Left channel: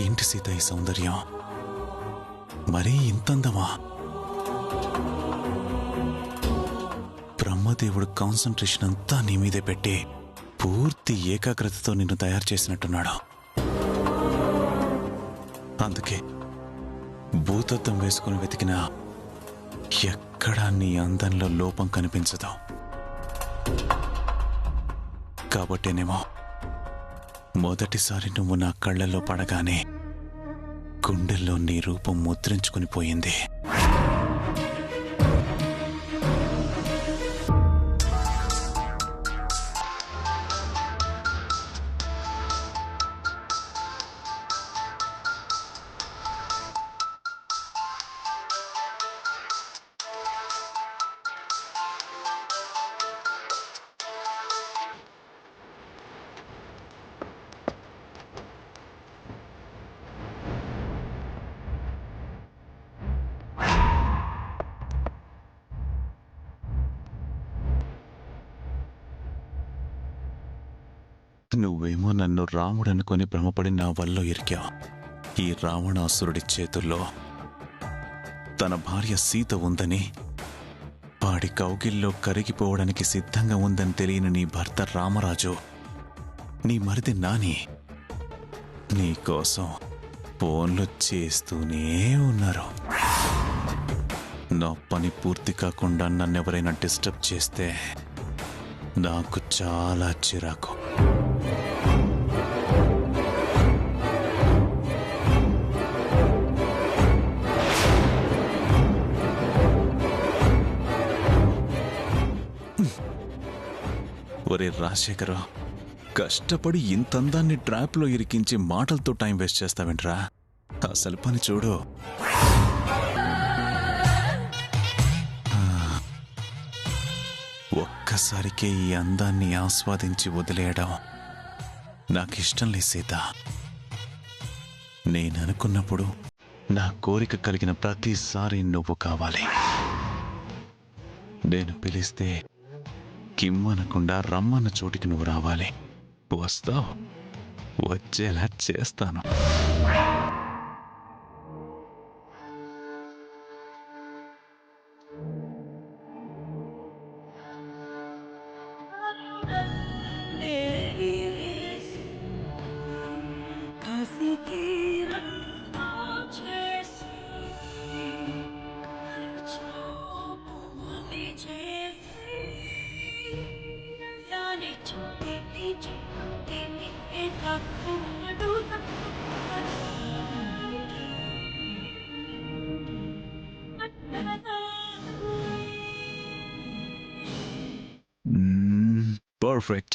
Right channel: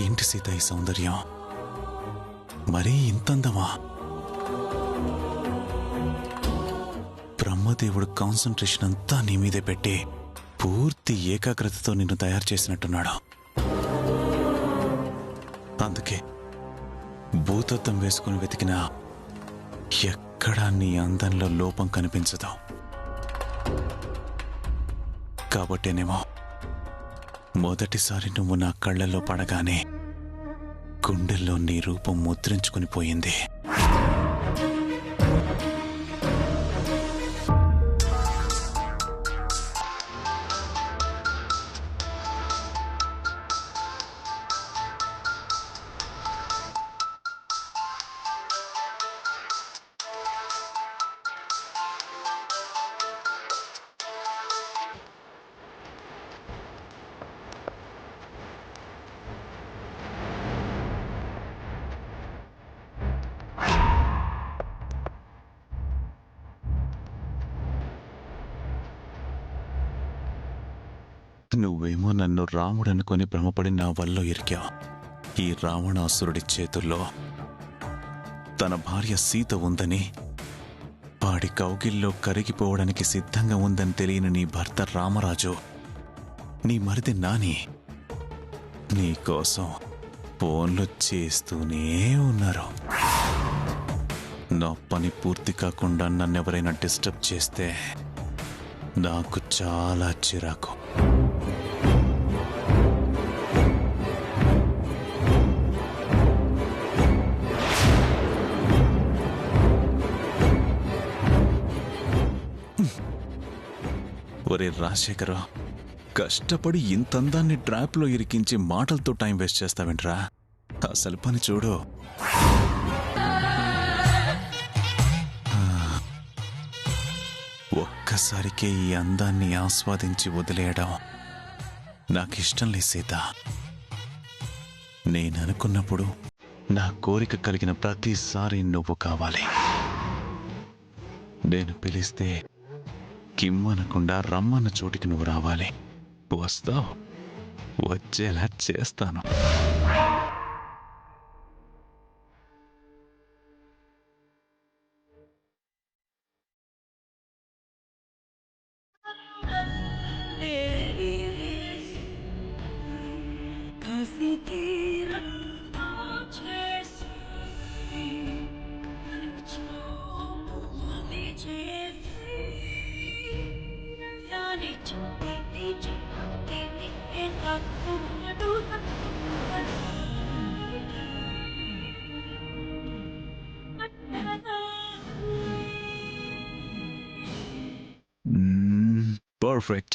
ఏంటి సీత ఈ సౌందర్యం? మరీ ఇంతందమా? బ్రహ్మదేవుడు కాన్సంట్రేషన్ అంతా నీ మీదే పెట్టి పూర్తి ఏకాగ్రతతో నిన్ను తయారు చేసినట్టున్నాడు. అందుకే భూతద్దం వేసుకుని వెతికినా ఎక్కడా నీ అందంలో లోపం కనిపించదు. కాబట్టేనేమో మొదటిసారి నువ్వు నా కళ్ళల్లో పడగానే గుండెల్లో నీ రూపం ముద్రించుకుని పోయింది. నువ్వేమో నన్ను రాముడనుకొని భ్రమపడి నా వల్ల ఇరికావు. ఈ రావణాసురుడి చేతుల్లో తన భార్య సీత ఉందని, వాడి కౌగిల్లో కరిగిపోవడానికి సిద్ధంగా ఉందని తెలియని నీ భర్త రామరాజు, నీ మరిది నాని నీకోసం ఫోన్లు చేస్తూనే ఉన్నారు. నా పని పూర్తి కాకుండా నన్నెవరైనా డిస్టర్బ్ చేస్తే నాకు చాలా చిరాకు. ఒరే రాజశేఖర, కష్టపడి ఇంతందాన్ని ట్రాప్లో ఇరికించి మాటలతో టైం వేస్ట్ చేస్తావేంట్రా? అసలు పని చూడు. ఒక్కసారికే ఈ అందాన్ని ఆస్వాదించి వదిలేయడం నాకిష్టం లేదు సీత. నేననుకున్నప్పుడు నా కోరిక కలిగిన ప్రతిసారి నువ్వు కావాలి. నేను పిలిస్తే కిమ్మనకుండా రమ్మన్న చోటికి నువ్వు రావాలి. వస్తావు, వచ్చేలా చేస్తాను. Perfect.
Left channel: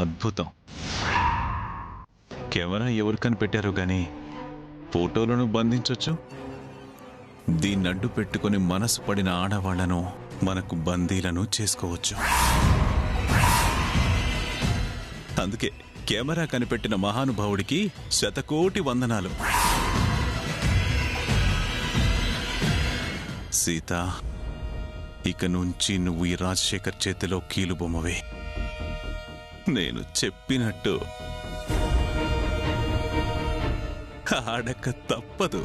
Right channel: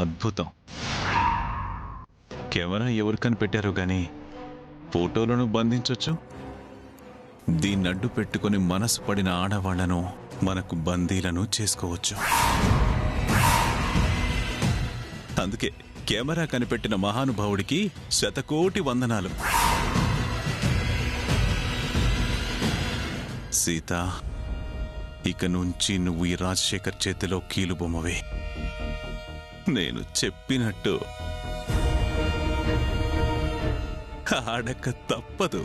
అద్భుతం. కెమెరా ఎవరికని పెట్టారో గాని ఫోటోలను బంధించొచ్చు. దీన్నడ్డు పెట్టుకుని మనసు పడిన ఆడవాళ్లను మనకు బందీలను చేసుకోవచ్చు. అందుకే కెమెరా కనిపెట్టిన మహానుభావుడికి శతకోటి వందనాలు. సీత, ఇక నుంచి నువ్వు ఈ రాజశేఖర్ చేతిలో కీలుబొమ్మవే. నేను చెప్పినట్టు ఆడక తప్పదు.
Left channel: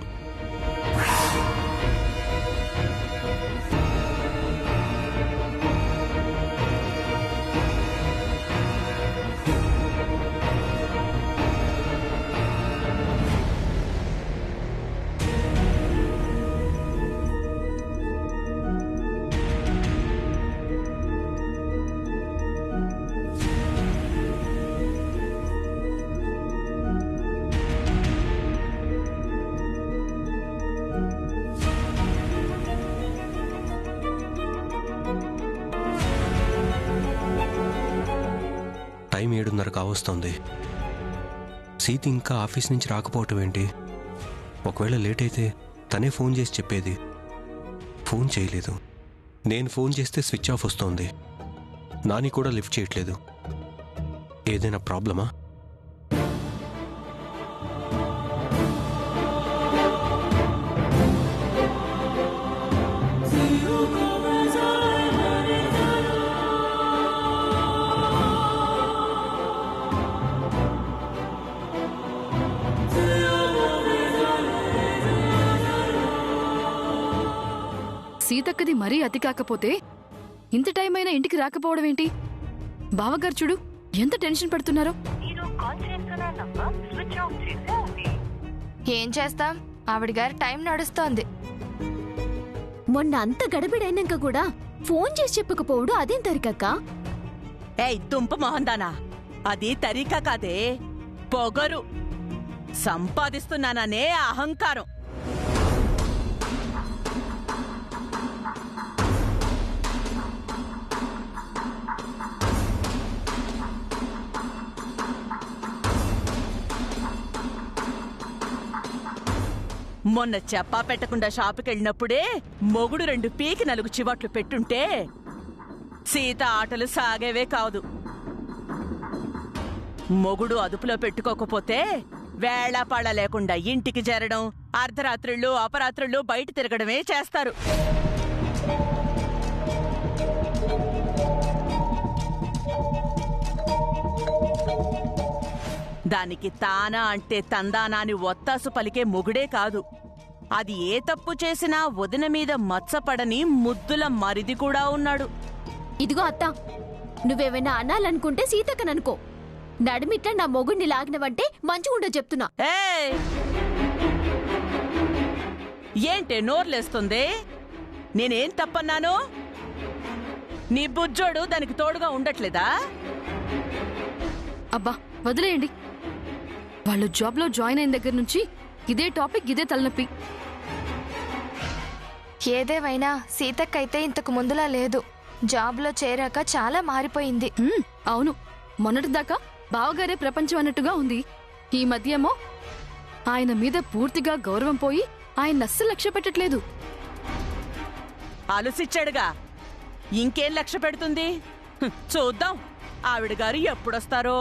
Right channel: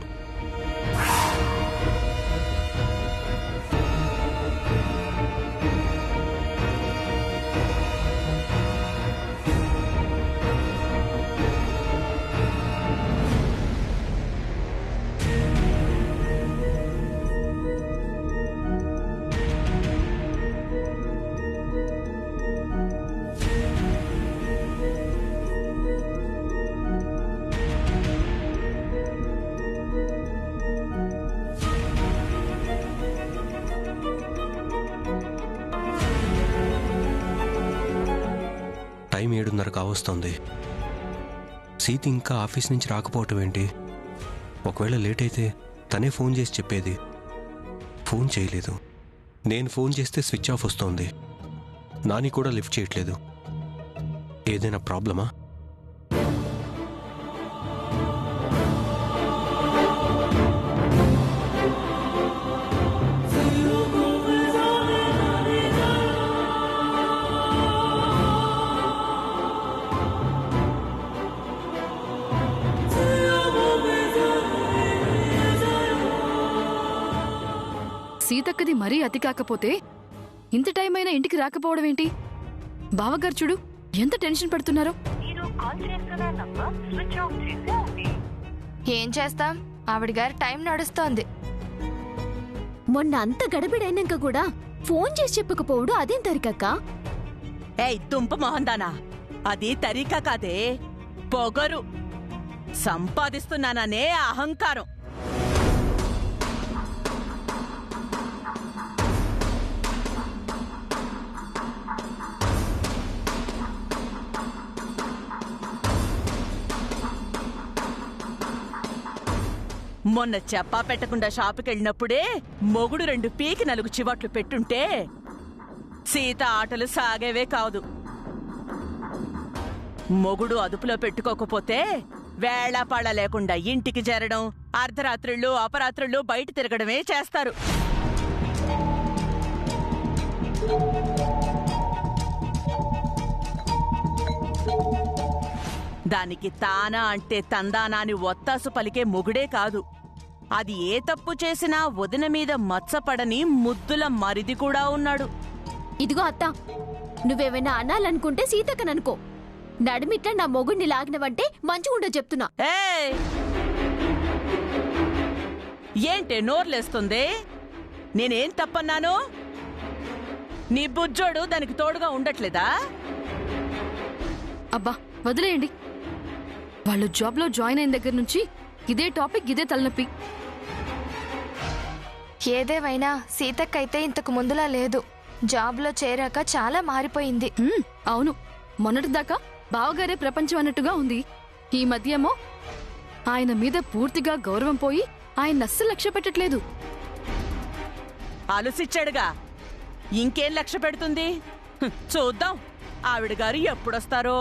టైం 7:30 కావస్తోంది. సీత ఇంకా ఆఫీస్ నుంచి రాకపోవటం ఏంటి? ఒకవేళ లేట్ అయితే తనే ఫోన్ చేసి చెప్పేది. ఫోన్ చేయలేదు. నేను ఫోన్ చేస్తే స్విచ్ ఆఫ్ వస్తోంది. నాని కూడా లిఫ్ట్ చేయట్లేదు. ఏదైనా ప్రాబ్లమా? సీతక్కది మరీ అతి కాకపోతే ఇంత టైం అయినా ఇంటికి రాకపోవడం ఏంటి? బావగారు చూడు ఎంత టెన్షన్ పడుతున్నారో. ఏం చేస్తాం, ఆవిడ గారి టైం నడుస్తోంది. మొన్న అంత గడబిడైనాక కూడా ఫోన్ చేసి చెప్పకపోవడు అదేం తరికక్క? ఏయ్ దుంప మొహందానా, అది తరీకా కాదే, పొగరు. సంపాదిస్తున్నాననే అహంకారం. మొన్న చెప్పా పెట్టకుండా షాపుకెళ్ళినప్పుడే మొగుడు 2 పీకి 4 చివాట్లు పెట్టుంటే సీత ఆటలు సాగేవే కాదు. మొగుడు అదుపులో పెట్టుకోకపోతే వేళాపాళ లేకుండా ఇంటికి చేరడం, అర్ధరాత్రుళ్ళు అపరాత్రుళ్ళు బయట తిరగడమే చేస్తారు. దానికి తానా అంటే తందానా అని ఒత్తాసు పలికే మొగుడే కాదు, అది ఏ తప్పు చేసినా వదిన మీద మచ్చపడని ముద్దుల మరిది కూడా ఉన్నాడు. ఇదిగో అత్త, నువ్వేమైనా అనాలనుకుంటే సీతక్కననుకో. నడిమిట్లా నా మొగుడిని లాగినవంటే మంచిగుండో చెప్తున్నా. ఏయ్, ఏంటే నోర్లేస్తుంది? నేనేం తప్పన్నాను? నీ బుజ్జోడు దానికి తోడుగా ఉండట్లేదా? అబ్బా వదిలేయండి. వాళ్ళు జాబ్లో జాయిన్ అయిన దగ్గర నుంచి ఇదే టాపిక్, ఇదే తలనొప్పి. ఏదేవైనా సీతక్కైతే ఇంతకు ముందులా లేదు. జాబ్లో చేరాక చాలా మారిపోయింది. అవును, మొన్నటిదాకా బావగారే ప్రపంచం అన్నట్టుగా ఉంది. ఈ మధ్యేమో ఆయన మీద పూర్తిగా గౌరవం పోయి ఆయన అస్సలు లక్ష్య పెట్టట్లేదు. ఆలోచించాడుగా, ఇంకేం లక్ష్య పెడుతుంది? చూద్దాం ఆవిడ గారు ఎప్పుడొస్తారో.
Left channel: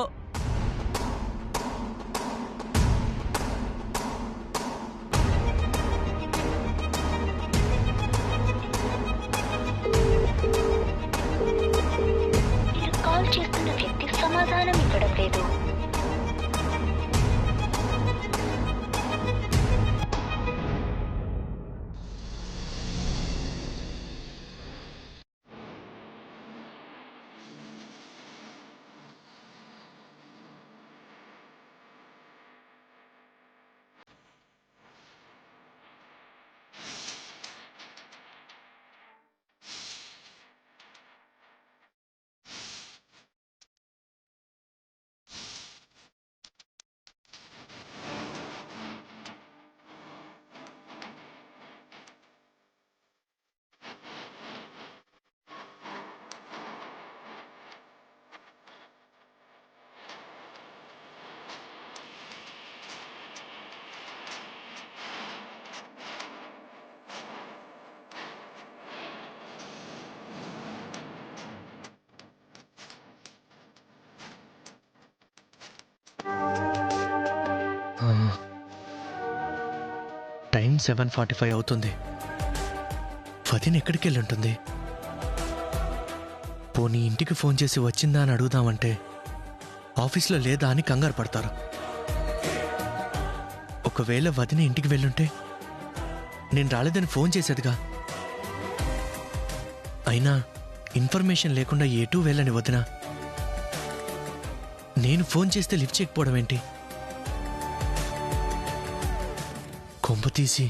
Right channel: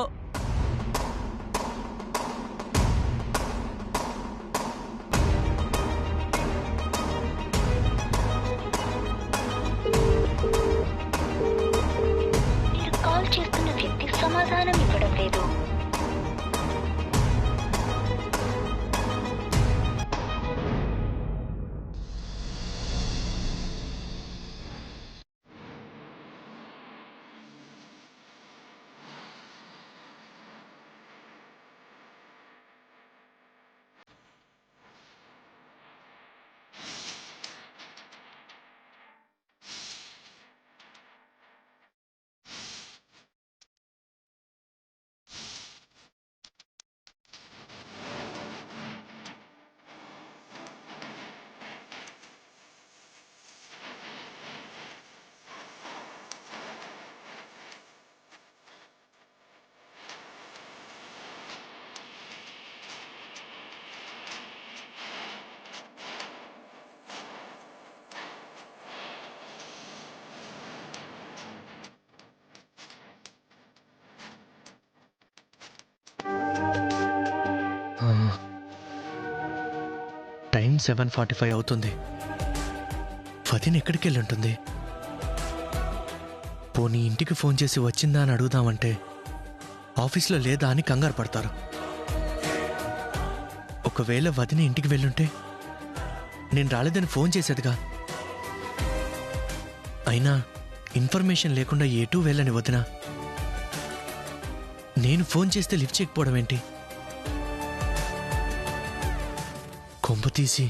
కాల్ చేస్తున్న వ్యక్తి సమాధానం ఇవ్వడం లేదు. 7:45 అవుతుంది. వదిన ఎక్కడికి వెళ్ళి ఉంటుంది? పోనీ ఇంటికి ఫోన్ చేసి వచ్చిందా అని అడుగుదామంటే ఆఫీస్లో లేదా అని కంగారు పడతారు. ఒకవేళ వదిన ఇంటికి వెళ్ళుంటే నేను రాలేదని ఫోన్ చేసేదిగా. అయినా ఇన్ఫర్మేషన్ లేకుండా ఎటూ వెళ్ళని వదిన నేను ఫోన్ చేస్తే లిఫ్ట్ చేయకపోవడం ఏంటి? కొంప తీసి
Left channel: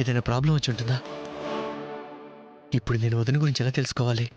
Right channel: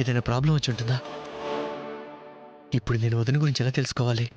ఏదైనా ప్రాబ్లం వచ్చి ఉంటుందా? ఇప్పుడు నేను వదిన గురించి ఎలా తెలుసుకోవాలి?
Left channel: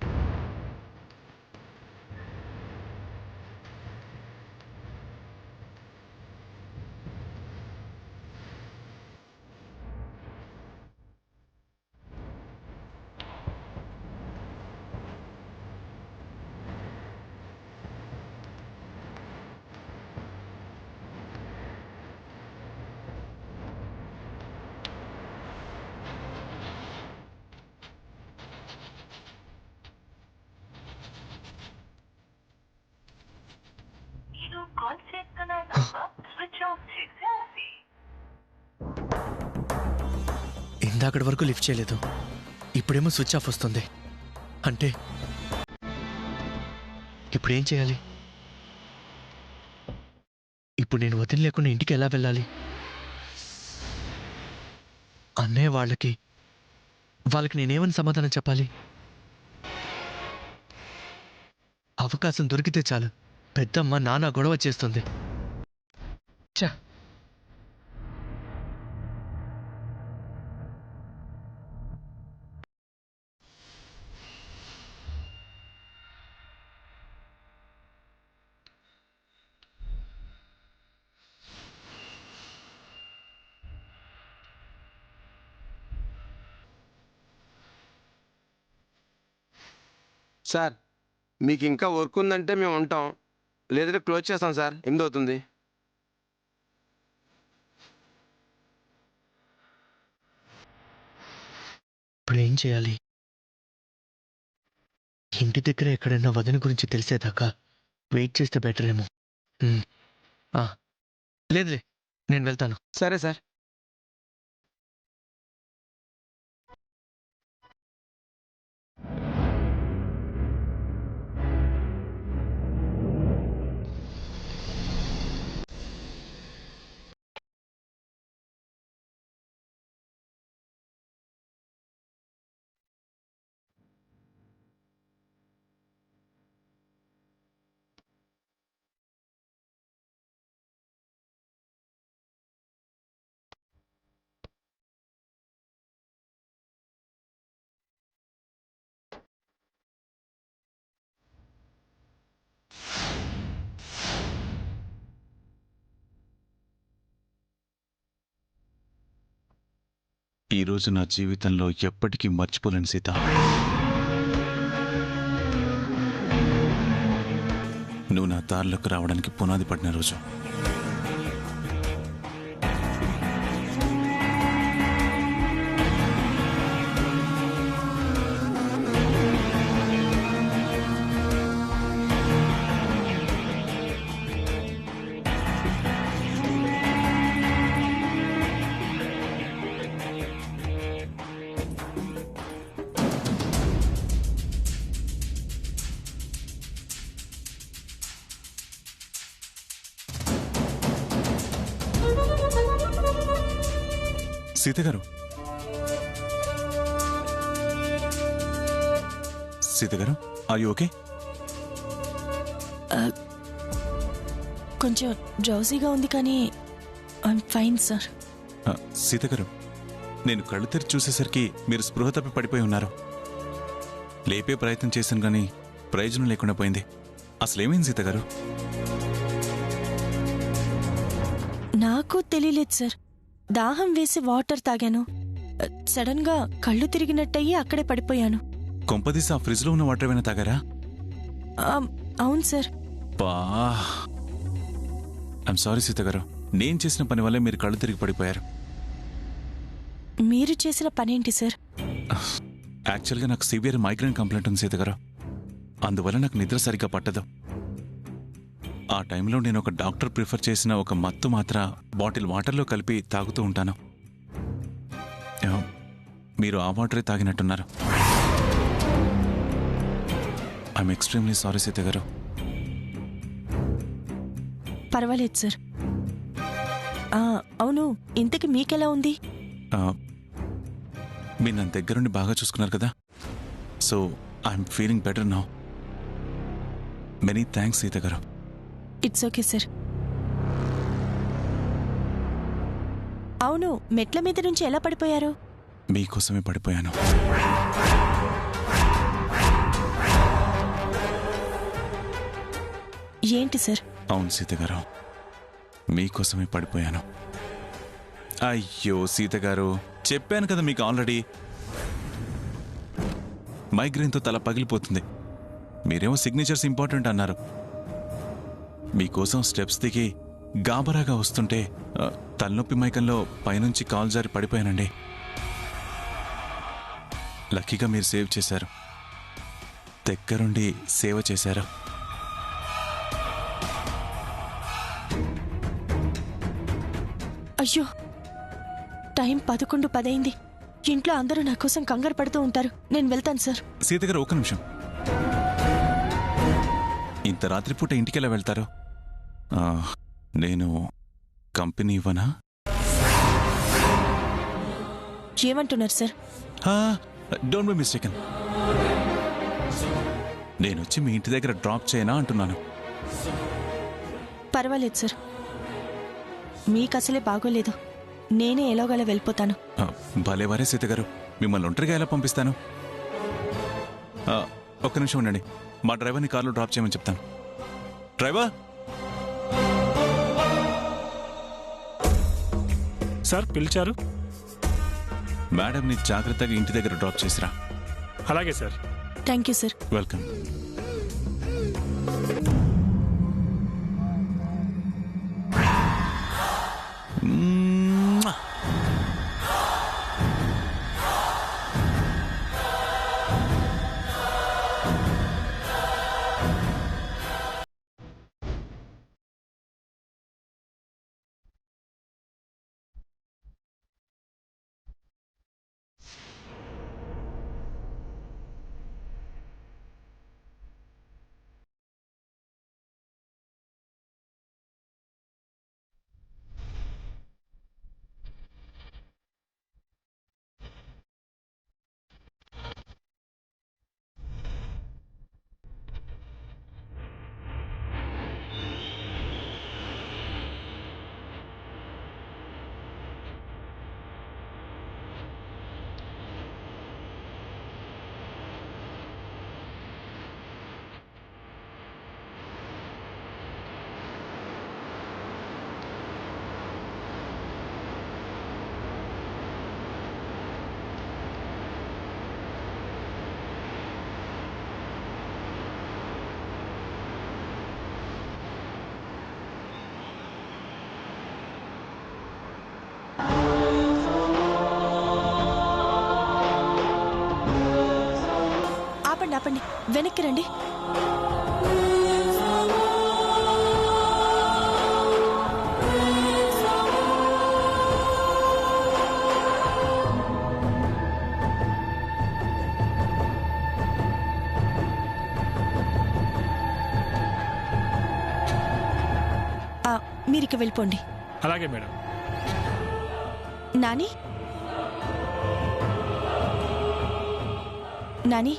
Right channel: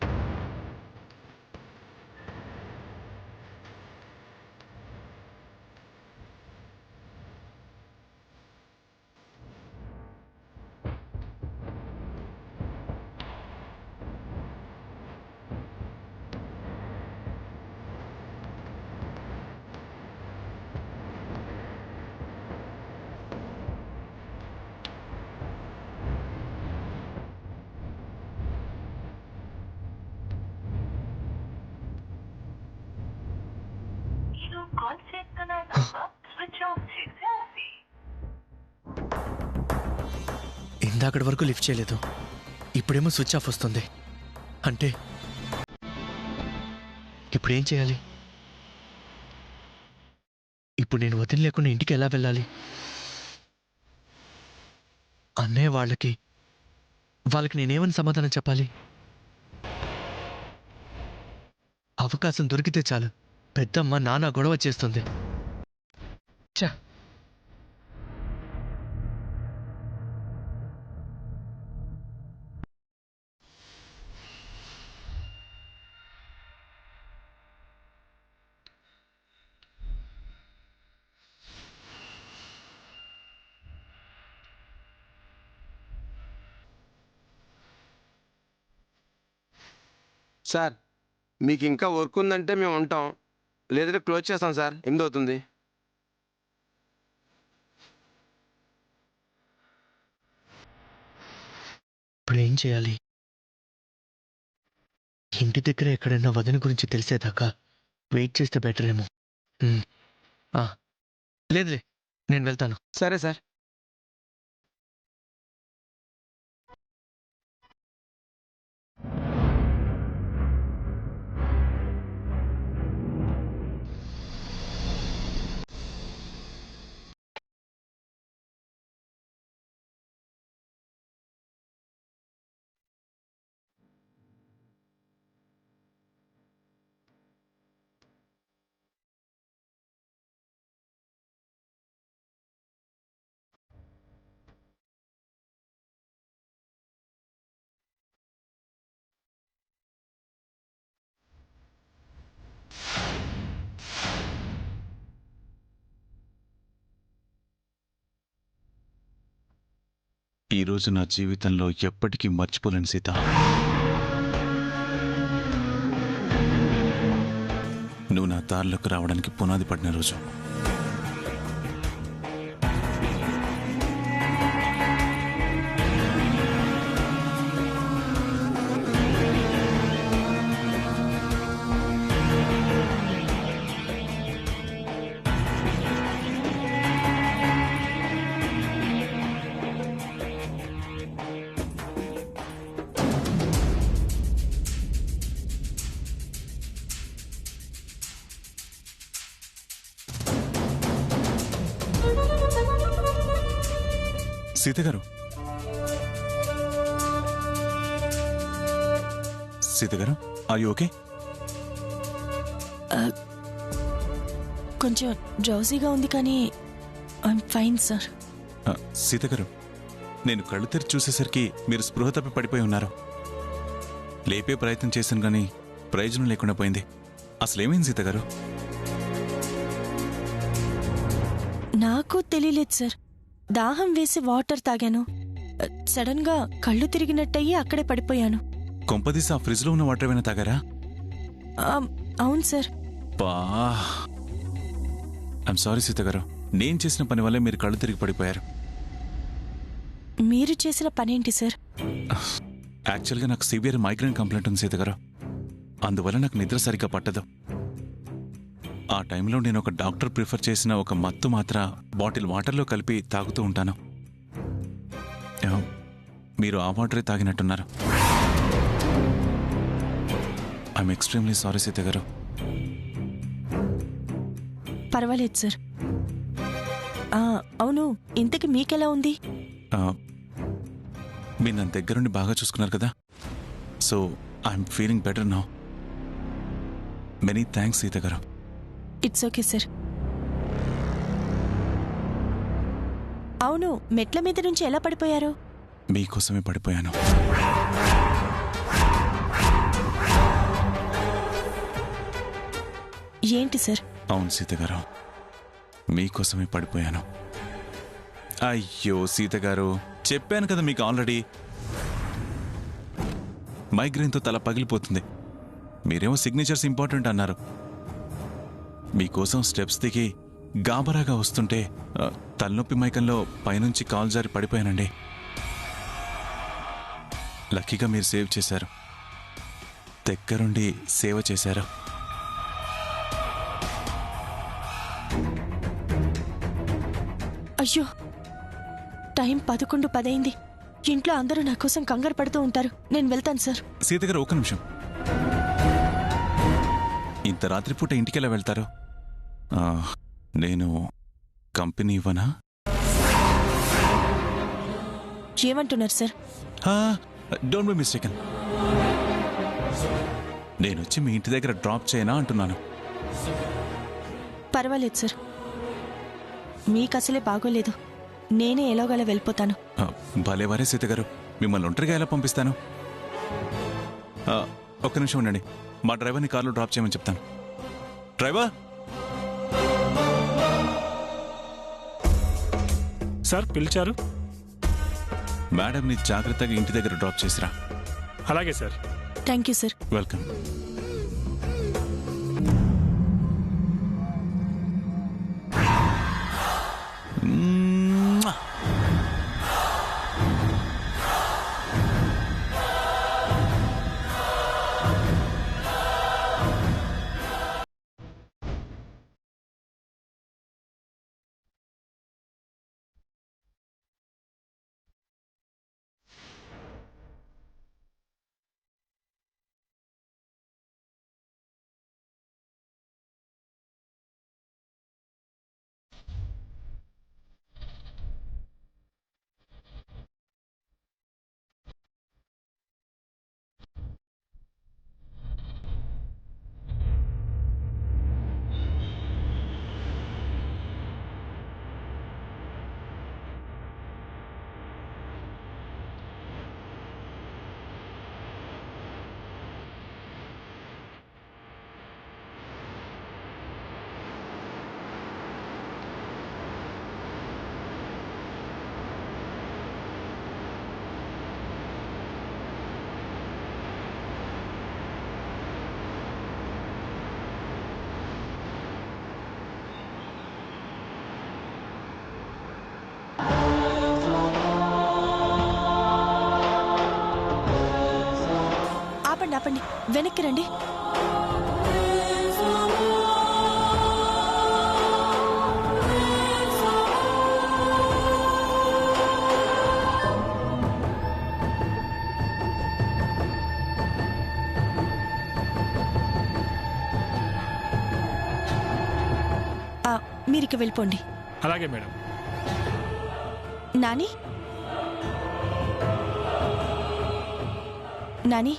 ఇందాకటి వరకు లిఫ్ట్ చేయలేదు, ఇప్పుడేమో స్విచ్ ఆఫ్ వస్తుంది. అంటే ఇప్పుడు ఏం చేయాలి? ఇప్పుడు నేను వదిన లేకుండా ఇంటికి ఎలా వెళ్ళాలి? అన్నయ్య వాళ్ళకి నేనేమని సమాధానం చెప్పాలి? అవకాశం దొరికితే చాలు పెద్దమ్మ నాన్న గొడవ చేస్తుంది. ఛ! సార్, మీకు ఇంకా వర్క్ ఉందంటే మేము ఉంటాం, లేదంటే క్లోజ్ చేస్తాం సార్. 8 అవుతుంది. ఇప్పుడు ఏం చేయాలి? ఇంటి దగ్గర ఎక్కడైనా వదిన గురించి తెలిసేదాకా వెయిట్ చేస్తే బెటర్ ఏమో. లేదులే, నేను వెళ్తాను. సరే సార్. ఈరోజు నా జీవితంలో ఎప్పటికీ మర్చిపోలేను సీత. నువ్వు నా దారిలోకి రావడానికి పునాది పడిన రోజు. సీత గారు, సీత గారు, ఆర్ యు ఓకే? కొంచెం డ్రౌజీగా ఉంది కానీ ఐఎమ్ ఫైన్ సార్. సీత గారు, నేను కళ్ళు తెరిచి చూసేసరికి మీరు స్పృహ తప్పి పడిపోయి ఉన్నారు. లేపే ప్రయత్నం చేశాను కానీ ప్రయోజనం లేకుండా పోయింది. అసలేమైంది సీత గారు? నాకు తెలియలేదు సార్. దాహం వేసి వాటర్ తాగాను. సడన్ గా కళ్ళు తిరిగినట్టయి అక్కడే పడిపోయాను. కొంపదీసి ఆ ఫ్రిడ్జ్ లో ఉన్న వాటర్ ఏమైనా తాగారా? అవును సార్. ఐఎమ్ సారీ సీత గారు, నేను చేసిన పని వల్లే మీరు కళ్ళు తిరిగి పడిపోయారు. మీరు చేసిన పనేంటి సార్? యాక్చువల్గా నాకు సివియర్ మైగ్రేన్ కంప్లైంట్ ఉంది సీత గారు. అందువల్ల నాకు నిద్ర సరిగ్గా పట్టదు. ఆ టైంలో నేను ఒక డాక్టర్ ప్రిఫర్ చేసిన ఒక మత్తు మాత్ర బాటిల్ వాటర్లో కలిపి తాగుతూ ఉంటాను. మీరు ఆ వాటరే తాగినట్టున్నారు. ఐఎమ్ ఎక్స్ట్రీమ్లీ సారీ సీత గారు. పర్వాలేదు సార్. అవును, ఇంతకి మీకెలా ఉంది? మీరు నా దగ్గరుండి బాగా చూసుకున్నారు కదా, so I'm feeling better now. Many thanks Sita గారు. It's okay sir. అవును, మెట్ల మీద నుంచి ఎలా పడిపోయారు? మీకోసమే పడిపోయాను. ఏంటి సార్? అవును సీత గారు, మీకోసమే పడిపోయాను. అయ్యో సీత గారు, చెప్పాను కదా మీకు ఆల్రెడీ, మైగ్రేన్తో తల పగిలిపోతుంది. మీరేమో సిగ్నేచర్స్ ఇంపార్టెంట్ అన్నారు. మీకోసం స్టెప్స్ దిగి గాబరాగా వస్తుంటే తలనొప్పి మైకంలో పైనుంచి కాల్ జారి పడిపోయానండి. లక్కీగా మీరు సేవ్ చేశారు, దగ్గరుండి సేవ చేశారు. అయ్యో, టైం 11:10 అయింది. ఇంట్లో అందరూ నా కోసం కంగారు పడుతూ ఉంటారు. నేను వెళ్తాను సార్. సీత గారు ఒక్క నిమిషం. ఇంత రాత్రిపూట ఇంటికెలా వెళ్తారు? నేను కంపెనీ ఇవ్వనా? ఏమంటున్నారు సార్? Don't be mistaken. నేనొచ్చి మీ ఇంటి దగ్గర డ్రాప్ చేయనా అంటున్నాను. పర్వాలేదు సార్, మీకు అసలే బాగోలేదు. నేనే ఎలాగోలా వెళ్ళిపోతాను. భలేవారే సీత గారు, మిమ్మల్ని ఒంటరిగా ఎలా పంపిస్తాను? ఒక్క నిమిషం ఉండండి, మా డ్రైవర్ని కార్లో డ్రాప్ చేయమని చెప్తాను. డ్రైవర్! సార్ పిలిచారు? మేడంని జాగ్రత్తగా ఇంటి దగ్గర డ్రాప్ చేసిరా. అలాగే sir. Thank you sir. Welcome. ఆపండి, వెనక్కి రండి. మీరికి వెళ్ళిపోండి. అలాగే మేడం. నాని, నాని,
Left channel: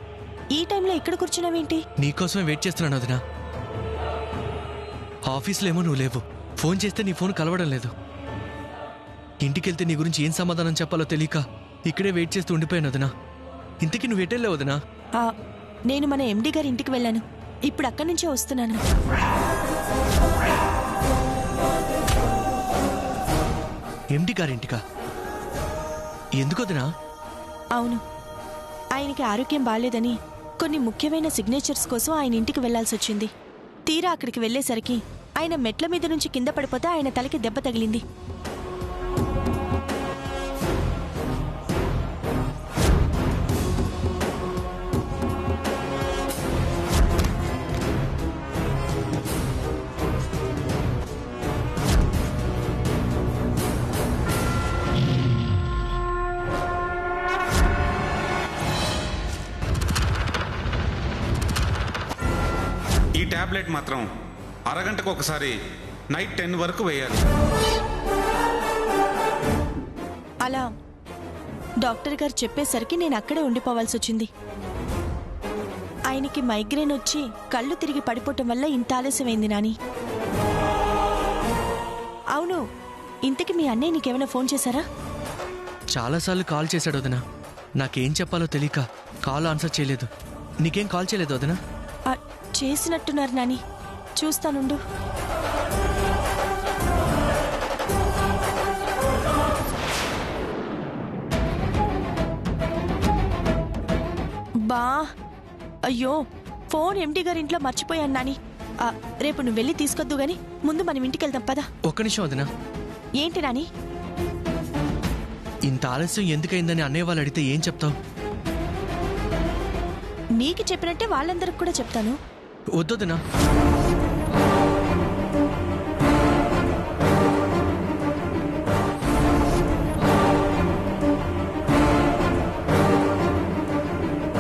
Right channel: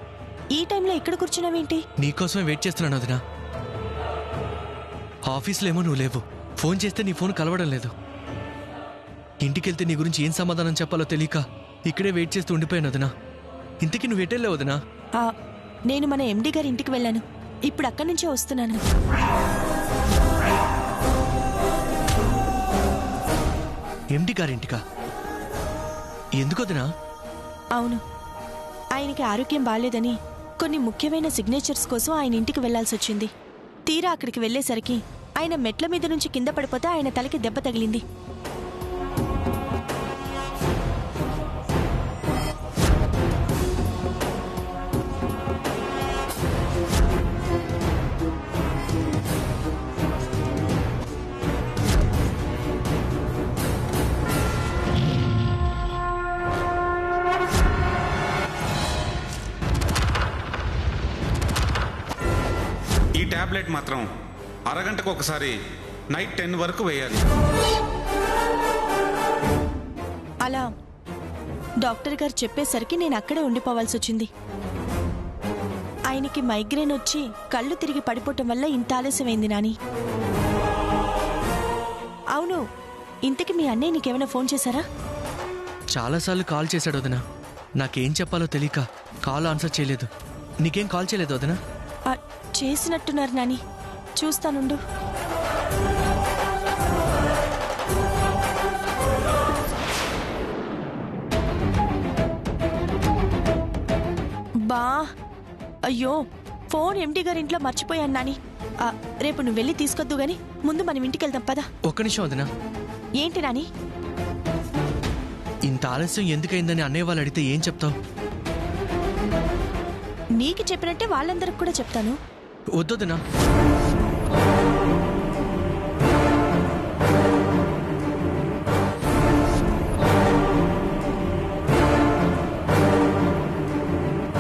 ఈ టైంలో ఇక్కడ కూర్చున్నావేంటి? నీకోసమే వెయిట్ చేస్తున్నాను వదినా. ఆఫీస్లో ఏమో నువ్వు లేవు, ఫోన్ చేస్తే నీ ఫోన్ కలవడం లేదు. ఇంటికెళ్తే నీ గురించి ఏం సమాధానం చెప్పాలో తెలియక ఇక్కడే వెయిట్ చేస్తూ ఉండిపోయాను వదినా. ఇంతకీ నువ్వు ఎటెళ్ళావు వదినా? నేను మన ఎండి గారి ఇంటికి వెళ్ళాను. ఇప్పుడు అక్కడి నుంచే వస్తున్నాను. ఎండి గారింటికా? ఎందుకు వదినా? అవును, ఆయనకి ఆరోగ్యం బాలేదని కొన్ని ముఖ్యమైన సిగ్నేచర్స్ కోసం ఆయన ఇంటికి వెళ్లాల్సి వచ్చింది. తీరా అక్కడికి వెళ్లేసరికి ఆయన మెట్ల మీద నుంచి కింద పడిపోతే ఆయన తలకి దెబ్బ తగిలింది. ట్యాబ్లెట్ మాత్రం అరగంటకు ఒకసారి నైట్ 10 వరకు వేయాలి. అలా డాక్టర్ గారు చెప్పేసరికి నేను అక్కడే ఉండిపోవాల్సి వచ్చింది. ఆయనకి మైగ్రేన్ వచ్చి కళ్ళు తిరిగి పడిపోవటం వల్ల ఇంత ఆలస్యమైంది నాని. అవును, ఇంతకి మీ అన్నయ్య నీకేమైనా ఫోన్ చేశారా? చాలాసార్లు కాల్ చేశాడు వదినా. నాకేం చెప్పాలో తెలియక కాల్ ఆన్సర్ చేయలేదు. నీకేం కాల్ చేయలేదు వదినా? చేసినట్టున్నారు నాని, చూస్తానుండు. బా, అయ్యో, ఫోన్ ఎండి గారి ఇంట్లో మర్చిపోయాను నాని. రేపు నువ్వు వెళ్ళి తీసుకొద్దు గాని ముందు మనం ఇంటికి వెళ్దాం పదా. ఒక్క నిమిషం వదినా. ఏంటి నాని? ఇంత ఆలస్యం ఎందుకైందని అన్నయ్య వాళ్ళు అడిగితే ఏం చెప్తావు? నీకు చెప్పినట్టే వాళ్ళందరికి కూడా చెప్తాను. వద్దొదినా.